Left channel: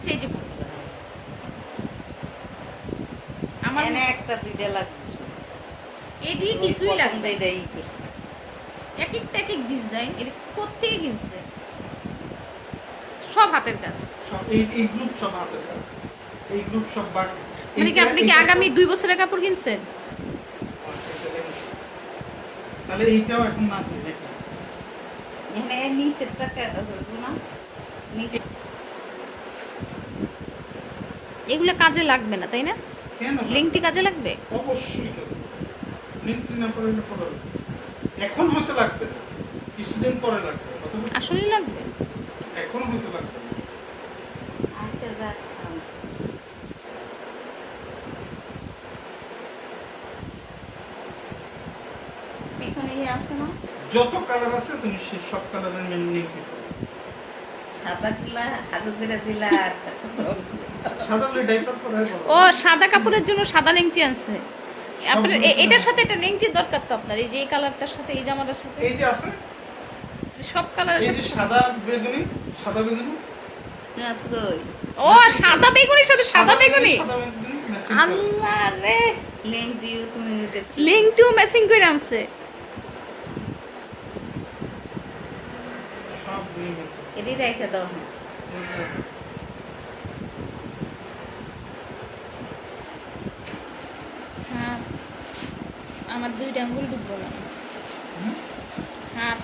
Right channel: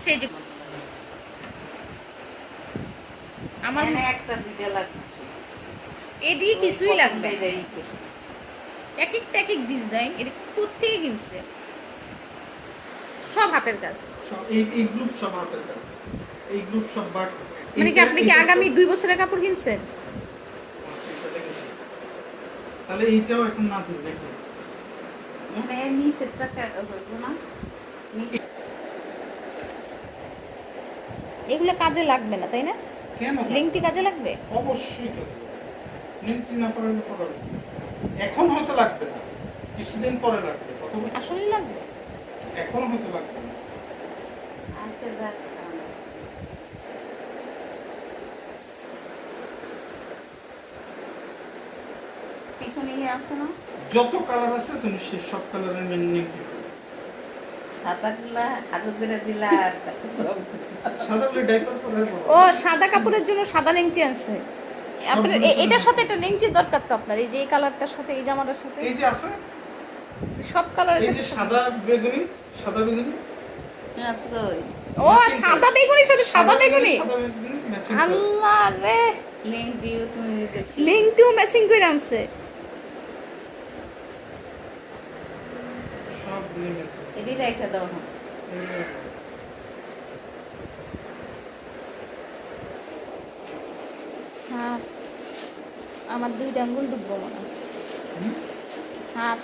আচ্ছা এই যে আমার এনে একটা দুইটা লাগবে এদিকে কিছুই লাগবে না। এটাই করছি এক একটা এক এক ডিজাইন এটা কোত্থেকে কিনছে সব হাতের কাজ সব এই গ্রুপ সব হাতের কাজ এই গ্রুপ সব বাট মানে কি আপনি কি আগামী 2 বছরের কাপড় কিনছেন? তাহলে এইটাও এখন না দিই দেখি এখানে নিচেরটা হইব না নিচে এগুলো কাজে লাগবে না তাই না? কেন লিংকটি কাজে লাগবে? অবশ্যই কাজে লিংকটি না পড়লে পড়া এখন হয়তো লাগবে না কিছুদিন পরে লাগবে আসলে লাগবে। এখন হয়তো লাগবে না আচ্ছা যাক পিছনে আছে না যত কালার আছে তুমি সেই সব কালারের লিংক দিবে সাদা গুলা আগে করে দিলা আর সাদা বলে ডাইপার পরে ও সাদা কাপড়ের জন্য সাদা লেংটি আনছে আপনার এটার সাথে একটা লেংটির দরকার তো আপনার এই যে এই কালারটার সাথে এই জামাটার সাথে এই যে আছে সব কালারের এই সাথে যে সাদা বেগুনি আছে কই ও সাদা বেগুনির সাথে সাদা বেগুনি ম্যাচিং আল্লাহ রে লিংক দিও তুমি দেখছো লেংটিও ম্যাচিং করে আনছে সব লিংক এটি রেখে দাও হ্যাঁ আমার 2 আঙ্গুল ডুববো মনে হয় হাত